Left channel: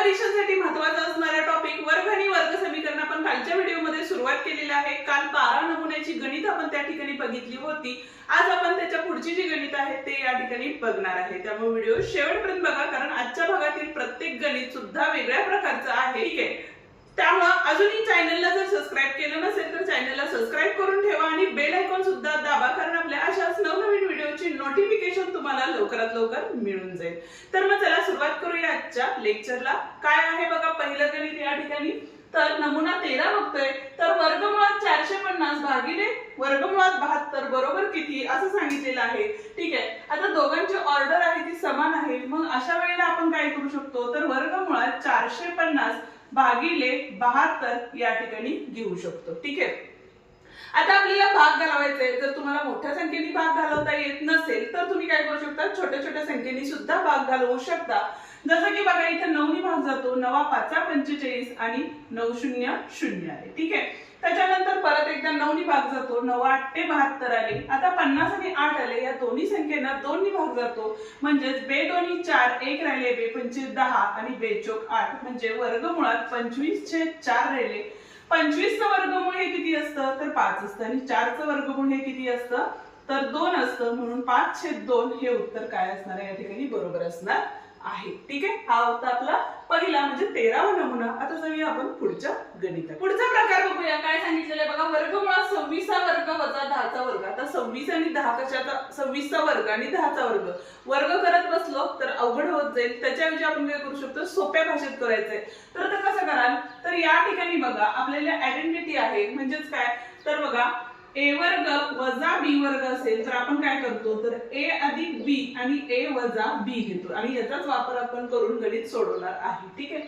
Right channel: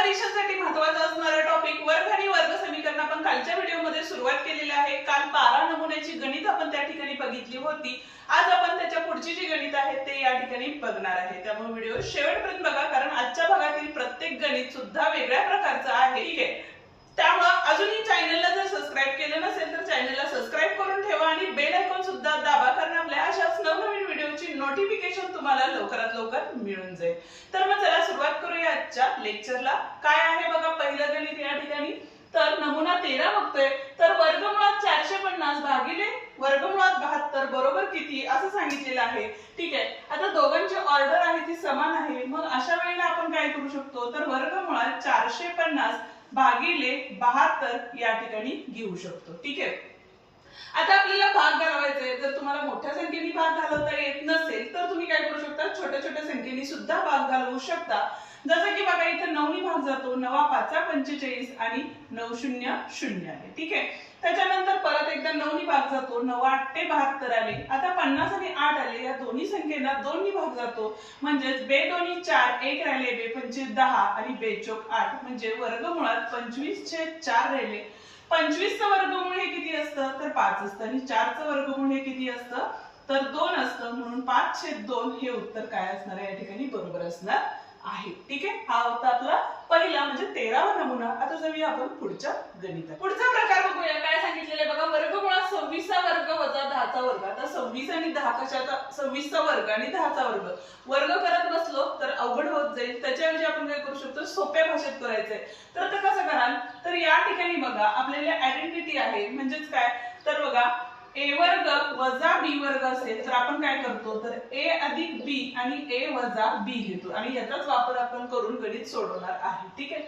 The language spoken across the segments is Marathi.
परीक्षांसाठी महत्त्वाचा असणारा टॉपिक वर्ग आणि वर्ग समीकरण आपण कालच्या व्हिडिओमध्ये सुरुवात केलेली आहे। काल 12 नमुन्याची गणित आपण त्या ठिकाणी बघितली होती। आज आपण त्याच्या पुढची जी गणित आहे ते या ठिकाणी बघणार आहे। त्यामुळे व्हिडिओ शेवटपर्यंत बघा, कारण आजच्या भागातील प्रत्येक गणित सुद्धा वेगळ्या प्रकारचं आहे। ठीक आहे, त्यामुळे अजूनही चॅनलला जर सबस्क्राइब केलं नसेल तर चॅनलला सबस्क्राइब करून ठेवा आणि बेल आयकॉन सुद्धा दाबा, कारण आपल्या अशाच नवनवीन व्हिडिओची नोटिफिकेशन तुम्हाला लवकरात लवकर मिळून जाईल। तर मग चला सुरुवात करूया आजच्या लेक्चरला। काय आहे बघा पहिलं गणित या ठिकाणी। तर नमुना 13 बघतोय, तर वर्गमुळात 450 भागिले वर्गमुळात 72 बरोबर किती असं सांगितलेलं आहे। ठीक आहे, आता दोघांची ऑर्डर आहे ती समान आहे, मग अशा वेळेला आपण काय करू शकतो, तर वर्गमुळात 450 भागिले 72 या ठिकाणी घेऊ शकतो। ठीक आहे, आता आपल्याला भाग घालवायचा आहे। जर तुम्हाला मोठ्या संख्येने भाग घालवता येत नसेल तर तुम्ही काय करू शकता, छोट्या छोट्या संख्येने सुद्धा भाग घालवू शकता। जसं की बघा इथे 9 नी भाग जातो, 9 5 45 आणि 9 0 0 आले। ठीक आहे, त्याच्यानंतर परत एकदा 9 नी भाग जातो, 9 8 72 आले। आता 50 आणि 8 आले, या दोन्ही संख्येना 2 नी भाग जातो, म्हणजे बे दोन्ही 4 1 राहिले, बे 25 10 आणि बे चौक 8, म्हणजे वर्गमुळात 25/4 राहिले। 25 चं वर्गमूळ हे किती असतं, तर 5 असतं, आणि 4 चं वर्गमूळ हे किती असतं, तर 2 असतं, म्हणून 5/2 हे उत्तर काय असणार आहे या ठिकाणी बरोबर असणार आहे। ठीक आहे, हा होता आपला पहिला म्हणजे 13वा नमुना। आता जाऊया आपण पुढच्या गणितात। पुढचा प्रकार बघूया, काय सांगितलेलं आहे बघा। वर्गमुळात 26 चा वर्ग वजा 10 चा वर्ग। आता 26 आणि 10 कशाचा, 26 चा वर्ग आणि 10 चा वर्ग वर्ग करत बसलो तर अवघड होत जाईल। त्याच्याऐवजी आपण काय करू शकतो, सोप्या भाषेत करायचंय। तर ते कसं कराल, तर या ठिकाणी बघा आपल्याला आयडेंटिटी आहे, म्हणजेच काय, तर बघा a वर्ग वजा b वर्ग असेल तर आपण काय करतो, तर a अधिक b आणि a वजा b घेतो, आणि याचाच वापर आपण करून गणित सोडवणार आहे। ठीक आहे,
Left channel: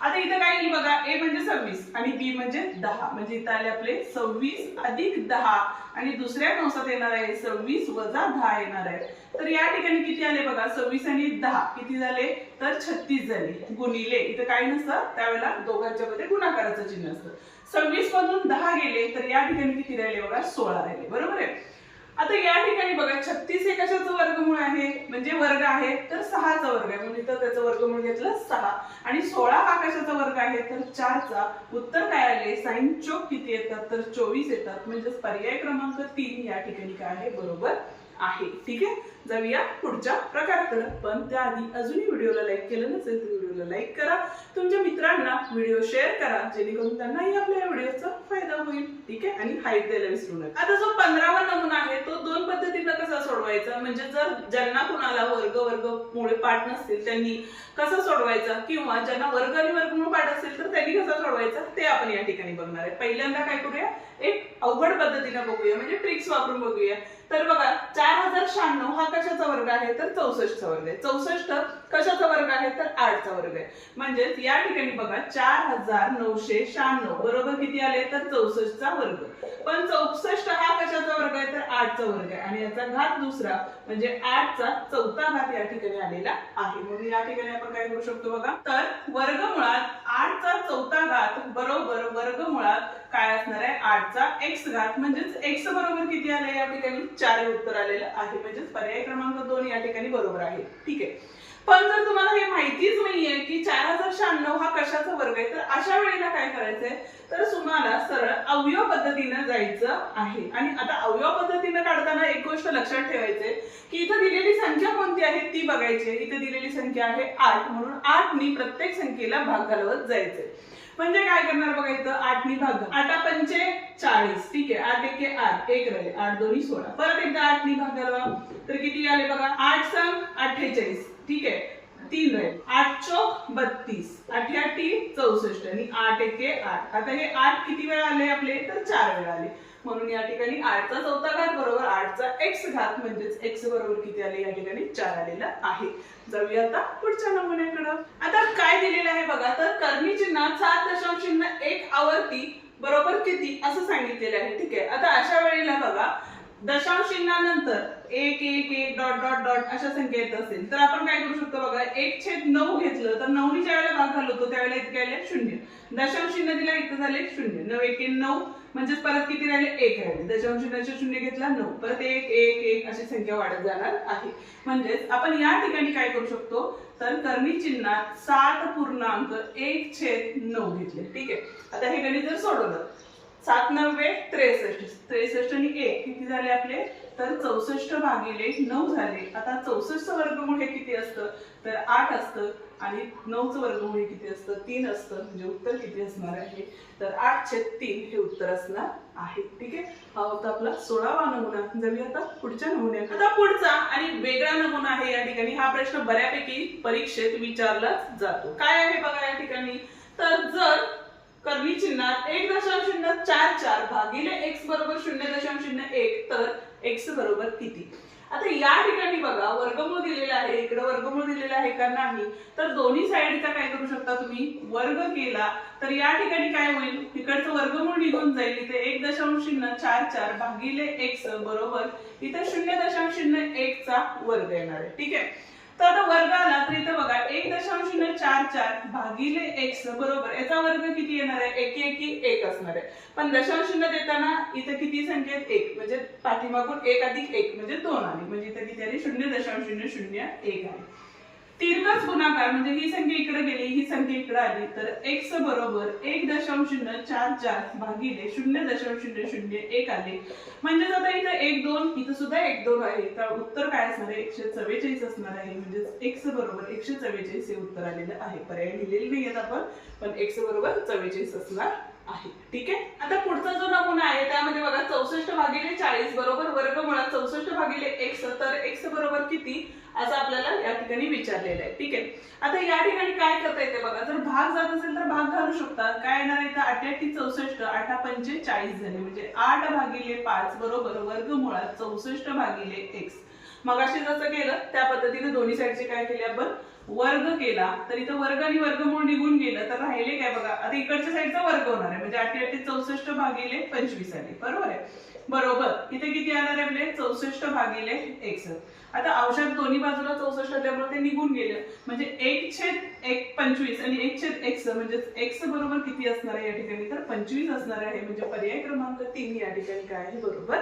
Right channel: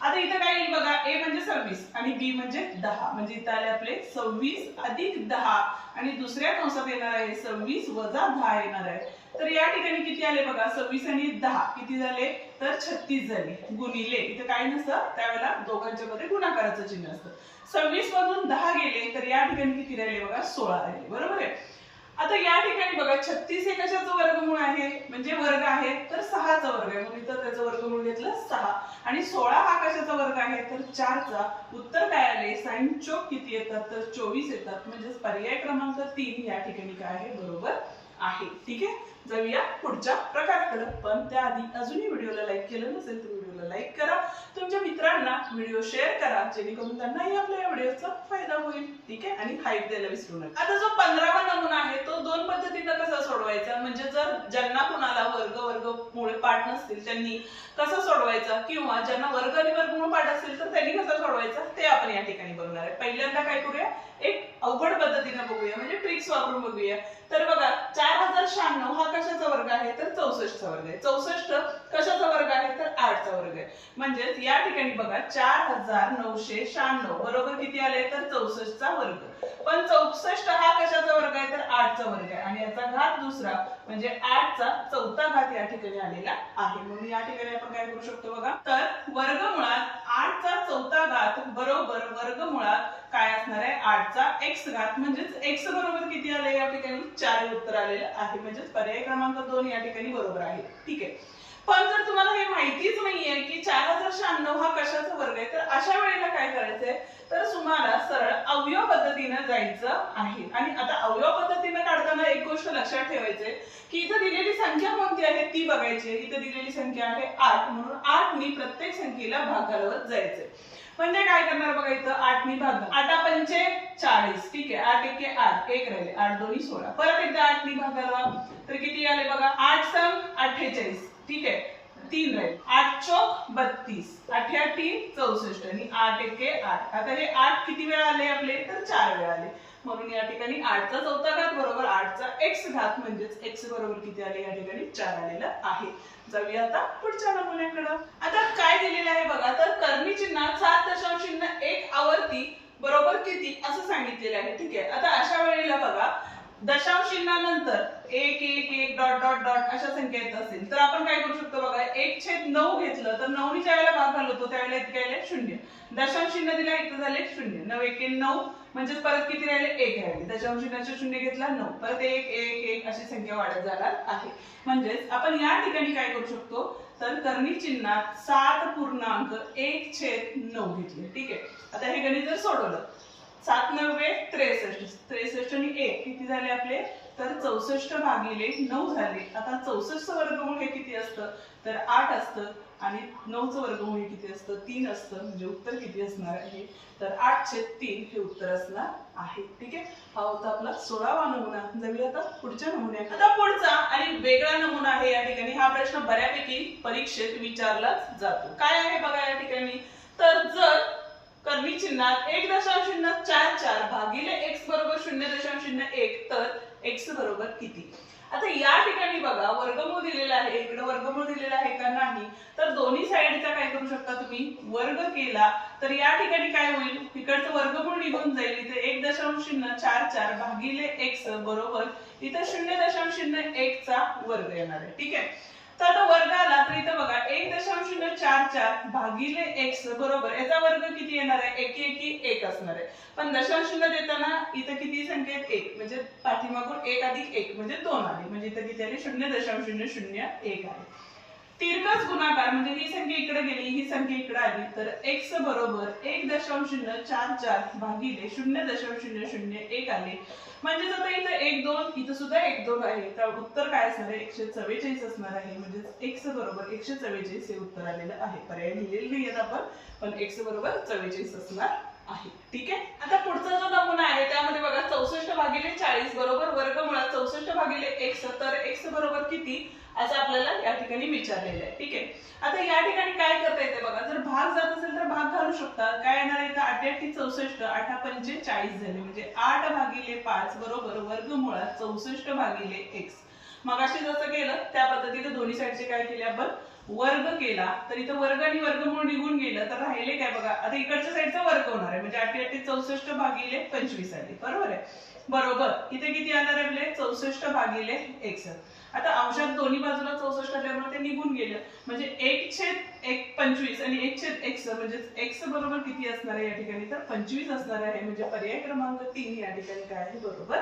आता इथं काय येईल बघा, a म्हणजे 26 आणि b म्हणजे 10, म्हणजे इथं आले आपले 26 अधिक 10 आणि दुसऱ्या कंसात येणार आहे 26 वजा 10 येणार आहे। तर या ठिकाणी किती आले बघा, 26 आणि 10 किती झाले, तर 36 झाले, गुणिले इथं काय नसतं त्यावेळेला दोघांच्या मध्ये गुणाकाराचं चिन्ह असतं। 26 मधून 10 गेले तर या ठिकाणी किती राहिले बघा, 16 राहिले, बरोबर आहे। आता या ठिकाणी बघा 36 हे कशाचं वर्गमूळ आहे, म्हणजे वर्ग आहे, तर 6 चा वर्ग आहे, म्हणून इथं त्याचं वर्गमूळ घेतलं 6, आणि 16 हा कशाचा वर्ग आहे, तर 4 चा। उत्तर काय आले, साइन चौक किती येतात, तर 24 येतात, म्हणजे पर्याय क्रमांक 3 या ठिकाणी काय आहे बरोबर आहे। ठीक आहे, जाऊया पुढच्या प्रकाराकडे, पण त्याआधी अजूनही व्हिडिओला लाईक केलं नसेल तर व्हिडिओला लाईक करा, तुमच्या मित्रांना व्हिडिओ शेअर करा, जेणेकरून त्यांनाही आपल्या व्हिडिओचा फायदा होईल। ठीक आहे, आणि हाईप द्यायला विसरू नका। आता जो 15वा नमुना आहे तो दोन पद्धतीने कसा सोडवायचा, म्हणजे जर ज्यांना कुणाला वर्गमुळे पाठ नसतील त्यांनी कसं सोडवायचा, किंवा ज्यांना वर्ग आणि वर्गमूळ पाठ असेल तर त्यांनी कसं सोडवायचा ते आपण या ठिकाणी बघणार आहे। पहिल्यांदा काय करूया, एक अवघड पद्धतीने बघूया, म्हणजे ट्रिक्स वापरून बघूया। तर बघा 4096 हा कशाचा वर्ग आहे, तर 64 चा वर्ग आहे। 64 कशाचा वर्ग आहे, तर 8 चा वर्ग आहे, म्हणजे या ठिकाणी बघा 4996 बरोबर किती आले, तर 64 चा वर्ग। पण 64 हा कशाचा वर्ग आहे, तर 8 चा वर्ग आहे, आणि याचा घात दुसरा म्हणजे 8 चा चौथा घात या ठिकाणी आलेला आहे। म्हणून या ठिकाणी आपण काय करू शकतो बघा, तर वर्गमुळात 8 चा चौथा घात बरोबर वर्गमुळात काय असणार आहे, 8 चा x घात, म्हणजेच x बरोबर किती आले या ठिकाणी 4 हे उत्तर आलेलं आहे, म्हणजेच पर्याय क्रमांक 2 या ठिकाणी बरोबर आहे। ठीक आहे, पण जर तुम्हाला हे माहितीच नाहीये की 4096 हा कशाचा वर्ग आहे, तर अशा वेळेला काय करायचंय, तर तुम्हाला सरळ अवयव पद्धतीने जायचं आहे। आणि आता अवयव पद्धतीने काढताना एक गोष्ट लक्षात ठेवायची की इथं दिलेली संख्या कोणती आहे ती बघायची। इथे दिलेली संख्या आहे 8, म्हणून 8 नी प्रत्येक संख्येला भाग घालवत जायचे। म्हणजे काय करणार बघा, इथं 8 नी भाग, 8 पंचे 40, ठीक आहे, 8 एके 8, 1 राहिले, 8 दोन्ही 16, परत एकदा 8 नी भाग घालवा, तर किती आले बघा, 8 संग 48, ठीक आहे, 3 राहिले, 8 चौक 32, 8 8 64 आणि 8 एके 8। आता हे 8 किती वेळा आले आपले, तर 4 वेळा आले, म्हणून या ठिकाणी 8 चा चौथा घात बरोबर 8 चा x घात, म्हणजेच x बरोबर किती आले या ठिकाणी 4 आलेलं आहे। जाऊया आता पुढच्या नमुन्याकडे। आता काय दिलेलं आहे बघा, तर कर्मी चिन्हात 7.01 आवर्ती बरोबर किती असं सांगितलेलं आहे। ठीक आहे, आता अशा वेळेला बघा दशांश चिन्हानंतर 1 1 1 डॉट डॉट डॉट अशा संख्या येत असेल तर आपण काय करू शकतो बघा, 1/9 घेतलं तर 9 नी ज्यावेळेला भाग घालवतो त्यावेळेला इतके आले 0, दशांश चिन्ह दिला इथे झाले 0, 9 1 9, म्हणजे परत किती राहिले, 1 राहिले, दशांश चिन्हाचे 0 घेतला 9, परत 1 1 1 अशी संख्या वाढत जाणार आहे। म्हणजेच आपण या ठिकाणी काय करू शकतो, तर करणी चिन्हात 7.1/9 घेतले. ठीक आहे, आता हे गणित जर सोडवलं 7 9 63, 63 आणि 1 किती झाले आपले, तर 64 भागिले 9 झाले. आता 64चं वर्गमूळ हे किती असतं, तर 8 असतं आणि 9चं वर्गमूळ हे किती असतं, 3 असतं. म्हणजे उत्तर किती असणार आहे, तर 8/3 हे उत्तर असणार आहे. ठीक आहे, हा होता आपला 16वा नमुना. जाऊया आता पुढच्या नमुन्यात. आता पुढचा आणि वेगळा नमुना आहे या ठिकाणी. हा प्रश्न बऱ्यापैकी परीक्षेत विचारला जातो. काय आहे बघा या ठिकाणी, तर जर करणी चिन्हात 1.44 भागिले x बरोबर 0.01 तर x बरोबर किती. आता या ठिकाणी बघा वर्गमूळ दिलेला आहे, इकडे वर्गमूळ दिलेला आहे का नाही, तर दोन्ही साइडचा काय करू शकता तुम्ही, वर्ग केला तर या ठिकाणी काय होईल, इकडचं वर्गमूळ निघून जाईल. इथे 1.44 भागिले x बरोबर इथे 0.01 चा वर्ग येणार आहे. ठीक आहे, तर आता वर्ग आला तर इथे बघा 1.44 भागिले x बरोबर याचा वर्ग किती येणार आहे, 1 1 1 असणार आहे. पण दशांश चिन्ह देताना इथे किती संख्या आहेत, 1 म्हणजे पाठीमागून 1 अधिक 1 म्हणजे 2 आली. म्हणजे इथे किती आली, 0.001 आहे. तिरकस गुणाकार म्हणजे ही संख्या इकडे गेली, ही संख्या इकडे आली, तर x बरोबर 1.44 भागिले 0.001 आले. म्हणजे आता इथे 1 2 इथे सुद्धा 1 2 आहे, तर उत्तर काय असणार आहे, 144 असणार आहे. म्हणजे x बरोबर 144 हे उत्तर आलेलं आहे. पर्याय लिहिलेले नाहीयेत आपण, पण x बरोबर 44 असणार आहे. ठीक आहे, आता पुढचा जो नमुना आहे त्यामध्ये बघा 64 भागिले 40 बरोबर वर्गमुळात 64 भागिले x, तर x बरोबर किती असं आपल्याला या ठिकाणी विचारलेलं आहे. ठीक आहे, आता या ठिकाणी काय करता येते बघा, जर भाग जात असेल तर भाग घालू शकता. काय येणार आहे, 8 8 64, 8 5 40 झाले. म्हणजे 8 भागिले 5 बरोबर वर्गमुळात 64 भागिले x. मग अशी जसं केलं त्या पद्धतीने दोन्ही साइडचे काय केले आपण, वर्ग केला. तर इथं वर्ग आणि वर्गमूळ निघून गेलं तर राहिले काय बघा, आता इकडच्या साइडचा वर्ग होणार आहे. म्हणजे 8 8 64 भागिले 25 आले. बरोबर आहे, बरोबर इथे किती येणार आहे आपले, 64 भागिले x. आता अंशात दोन्ही बाजूला 64 आल्यामुळे ते निघून गेलं. म्हणजे 1/1 आणि 1/x म्हणजे x बरोबर किती असणार आहे या ठिकाणी, तर 25 असणार आहे. म्हणजे पर्याय क्रमांक 3 या ठिकाणी काय आहे, बरोबर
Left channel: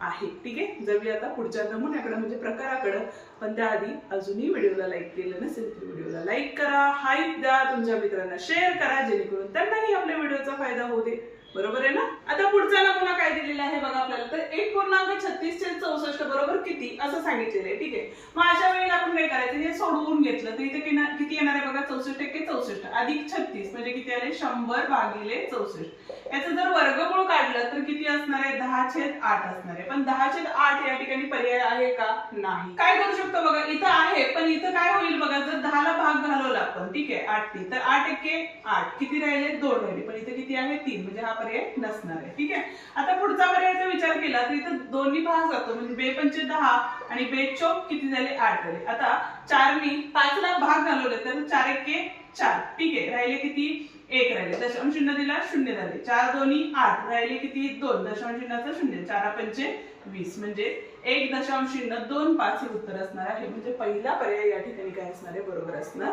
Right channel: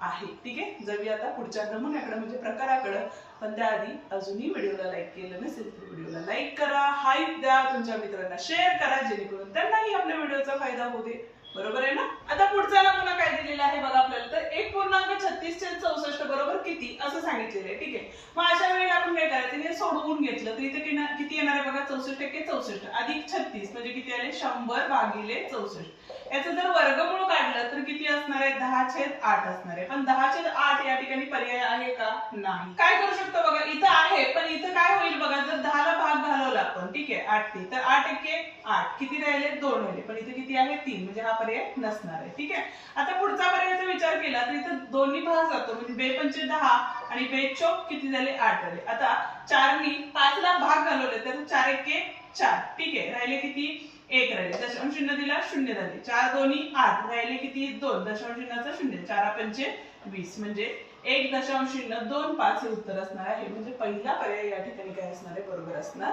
आहे. ठीक आहे, जाऊया आता पुढच्या नमुन्याकडे म्हणजे प्रकाराकडे. पण त्याआधी अजूनही व्हिडिओला लाईक केलं नसेल तर व्हिडिओला लाईक करा, हाईप द्या, तुमच्या मित्रांना शेअर करा जेणेकरून त्यांनाही आपल्या व्हिडिओचा फायदा होऊ दे. बरोबर आहे ना. आता पुढचा नमुना काय दिलेला आहे बघा आपल्याला, तर 1.36 बरोबर किती असं सांगितलेलं आहे. ठीक आहे, मग अशा वेळेला आपण काय करायचं, हे सोडवून घेतलं तर इथे किती येणार आहे बघा, 64 अधिक 36 म्हणजे किती आले, 100 भागिले 64. याचं जर वर्गमूळ काढलं तर किती असणार आहे, 10/8 असणार आहे. पण 10/8 या ठिकाणी पर्याय आहे का, नाही. काय करू शकतो बघा, इथं आहे पण इथं काय होईल बघा, जर 10 ला भाग घालवला आपण, ठीक आहे 8 ने, तर 8 1 8 किती राहिले, 2 राहिले. पण इथे किती आहे, 3. म्हणजे हा पर्याय नसणार आहे. ठीक आहे, आता पुढचा पर्यायचा विचार केला तर इथं दोन्ही भाग जातो. म्हणजे 2 पंचे 10 आणि 2 चौक किती झाले, 8 झाले. आता 4 नी 5 ला भाग घालवले तर 4 1 4. ठीक आहे, राहिले किती, 1 राहिले. दशांश चिन्ह दिला 0 झाले. 4 2 8 राहिले किती, 2. दशांश चिन्हाचा 0. 4 पंचे 20 म्हणजे 1.25 हे उत्तर असणार आहे. म्हणजे पहिला पर्याय या ठिकाणी काय असणार आहे, बरोबर असणार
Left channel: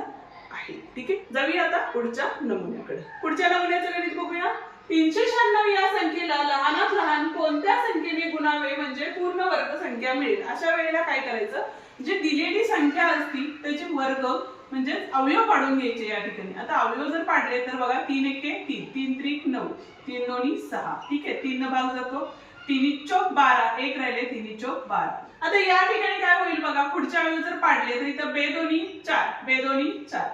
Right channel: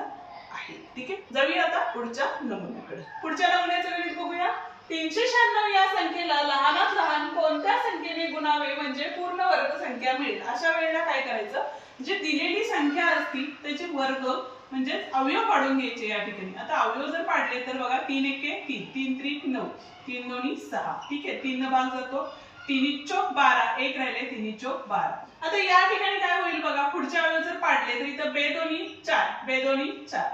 आहे. ठीक आहे, जाऊया आता पुढच्या नमुन्याकडे. पुढच्या नमुन्याचं गणित बघूया. 396 या संख्येला लहानात लहान कोणत्या संख्येने गुणावे म्हणजे पूर्ण वर्ग संख्या मिळेल. अशा वेळेला काय करायचं, जी दिलेली संख्या असती त्याचे वर्ग म्हणजे अवयव पाडून घ्यायचे या ठिकाणी. आता अवयव जर पाडले तर बघा 3 1 3, 3 3 9, 3 2 6. ठीक आहे, 3 भाग जातो, 3 चौक 12, 1 राहिले, 3 चौक 12. आता या ठिकाणी काय होईल बघा, पुढचे अवयव जर पाडले तर इथं 2 2 4, 2 2 4,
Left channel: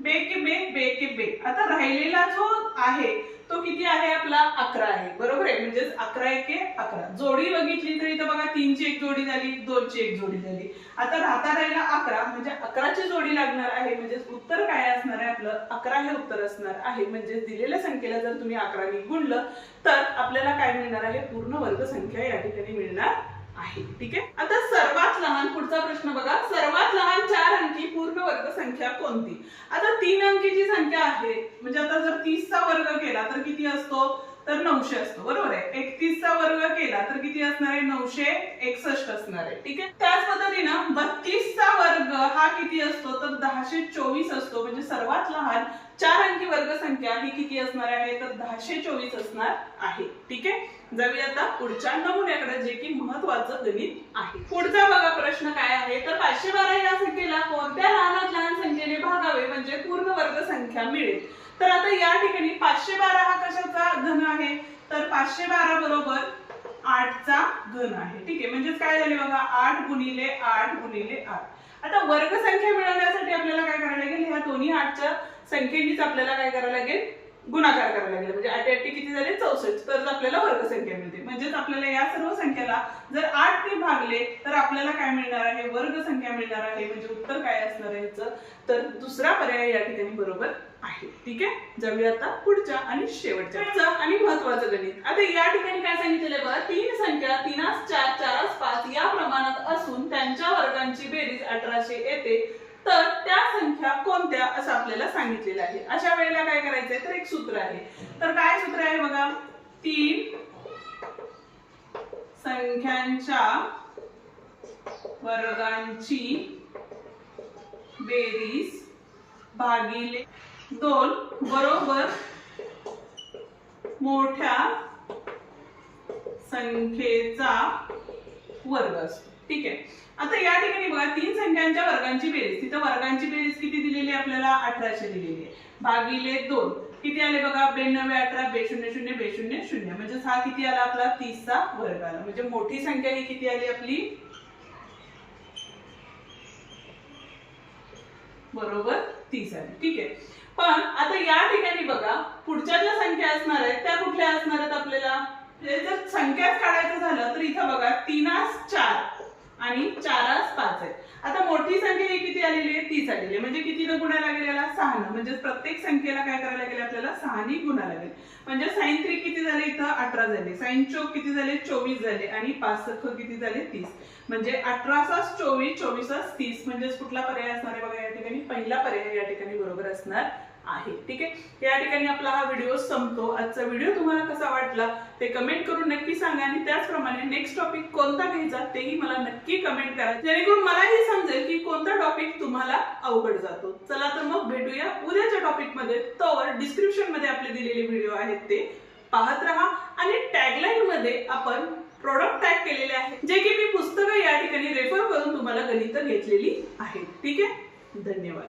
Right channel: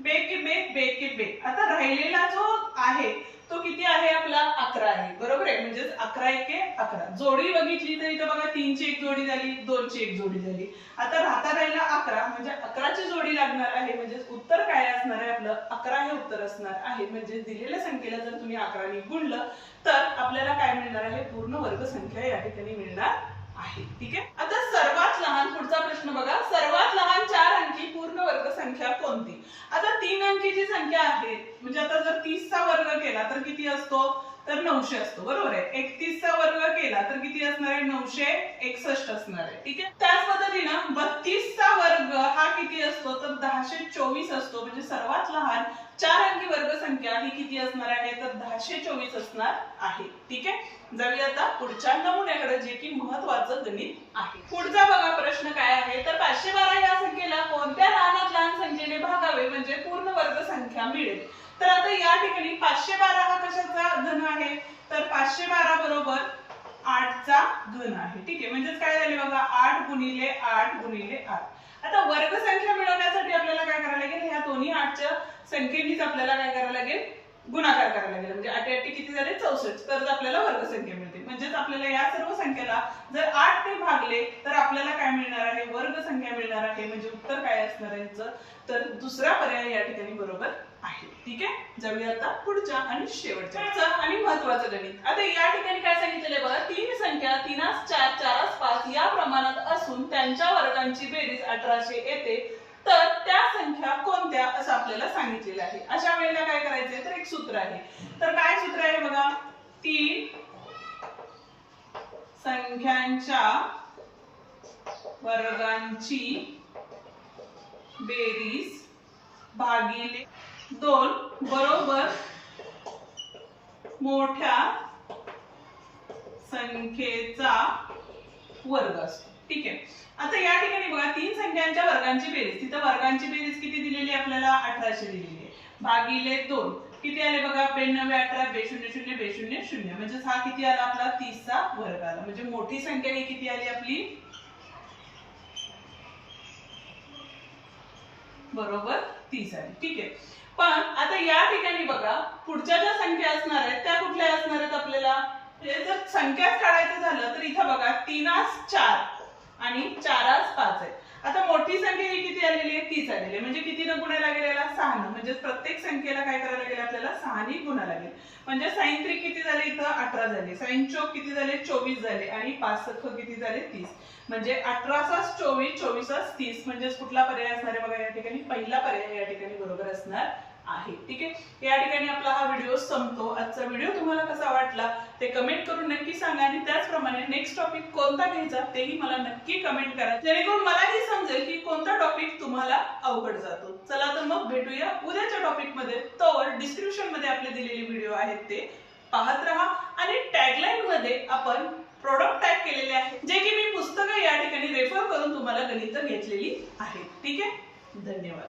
2 के 2, 2 के 2. आता राहिलेला जो आहे तो किती आहे आपला, 11 आहे. बरोबर आहे, म्हणजे 11 1 11. जोडी बघितली तर इथं बघा 3 ची एक जोडी झाली, 2 ची एक जोडी झाली. आता राहता राहिला 11 म्हणजे 11 ची जोडी लागणार आहे. म्हणजे उत्तर काय असणार आहे आपलं, 11 हे उत्तर असणार आहे. म्हणजे दिलेल्या संख्येला जर तुम्ही 11 ने गुणलं तर आपल्याला काय मिळणार आहे, पूर्ण वर्ग संख्या या ठिकाणी मिळणार आहे. ठीक आहे, आता सर्वात लहान पुढचा प्रश्न बघा, सर्वात लहान 4 अंकी पूर्ण वर्ग संख्या कोणती. आता 3 अंकीची संख्या आहे म्हणजे आता जर 30 चा वर्ग केला तर किती असतो, तर 900 असतो. बरोबर आहे, 31 चा वर्ग केला तर किती असणार आहे, 961 असणार आहे. ठीक आहे, त्याच पद्धतीनं 32 चा वर्ग हा किती असतो, तर 1024 असतो. म्हणजे सर्वात लहान 4 अंकी वर्ग संख्या ही किती असणार आहे तर 1024 असणार आहे. ठीक आहे, जाऊया आता पुढच्या नमुन्याकडे जे की महत्त्वाचं गणित आहे. पुढचा बघा प्रश्न काय आहे तर 512 या संख्येला कोणत्या लहानात लहान संख्येने भागावे म्हणजे पूर्ण वर्ग संख्या मिळेल. तर आता या ठिकाणी 512 हा कशाचा घन आहे तर 512 बरोबर 8 चा घन आहे. ठीक आहे, म्हणजे काय झाले बघा 8 गुणिले 8 गुणिले 8. आता वर्ग संख्या मिळवण्यासाठी आपल्याला काय करायला लागेल ह्या दोन्ही 8च्या संख्येनीच आपल्याला काय करायला लागेल गुणाकार करायला लागेल. म्हणजे 8 8 किती झाले 64 तरच आपल्याला वर्ग संख्या मिळते. म्हणजेच आपल्याला या सर्व संख्येला जर 8 ने भागले तर आपल्याला काय मिळणार आहे वर्ग संख्या मिळणार आहे. म्हणजे उत्तर काय असणार आहे याचं तर दुसरा पर्याय या ठिकाणी बरोबर आहे. ठीक आहे, जाऊया आता पुढच्या आणि शेवटच्या आणि महत्त्वाचं गणित. आता या ठिकाणी काय सांगितलेलं बघा तीन संख्या 3 4 4 5 या प्रमाणात असून त्यांच्या वर्गांची बेरीज 1800 येते तर त्या संख्या कोणत्या असं आपल्याला सांगितलेलं आहे. अशा वेळेला काय करायचंय तर एक सूत्र आहे. तर काय सूत्र आहे बघा 3 संख्यांच्या वर्गांची बेरीज भागिले 2 बरोबर मोठ्या संख्येचा वर्ग असतो. ठीक आहे, आता या ठिकाणी बघा तीन संख्यांच्या वर्गांची बेरीज तिथं वर्गांची बेरीज किती दिलेली आहे आपल्याला 1800 दिलेली आहे भागिले 2 किती आले बघा 92 18 200 200 म्हणजे हा किती आला आपला 30 चा वर्ग आला. म्हणजे मोठी संख्या ही किती आली आपली बरोबर 30 आली. ठीक आहे, पण आता या ठिकाणी बघा पुढच्या ज्या संख्या असणार आहेत त्या कुठल्या असणार आहेत आपल्याला जर संख्याच काढायचं झालं तर इथं बघा 3 4 आणि 4 5 आहे. आता मोठी संख्या ही किती आलेली आहे 30 आलेली आहे. म्हणजे किती न गुणायला लागेल 6 न. म्हणजे प्रत्येक संख्येला काय करायला लागेल आपल्याला 6 ने गुणा लागेल. म्हणजे sin 3 किती झाले इथं 18 झाले sin 4 किती झाले 24 झाले आणि 5 6 किती झाले 30. म्हणजे 18 24 24 30 म्हणजे कुठला पर्याय असणार आहे बघा या ठिकाणी पहिला पर्याय या ठिकाणी बरोबर असणार आहे. ठीक आहे, या ठिकाणी आपला हा व्हिडिओ संपतो. आजचा व्हिडिओ तुम्हाला कसा वाटला ते कमेंट करून नक्की सांगा आणि त्याचप्रमाणे नेक्स्ट टॉपिक कोणता घ्यायचा तेही मला नक्की कमेंट करा जेणेकरून मलाही समजेल की कोणता टॉपिक तुम्हाला अवघड जातो. चला तर मग भेटूया उद्याच्या टॉपिक मध्ये. तोवर डिस्क्रिप्शन मध्ये आपले दिलेले व्हिडिओ आहेत ते पाहत राहा आणि टॅगलाईन मध्ये आपण प्रोडक्ट टॅग केलेले आहेत जे की मी पुस्तकं या ठिकाणी रेफर करून तुम्हाला गणित घेतलेली आहेत. ठीक आहे, धन्यवाद.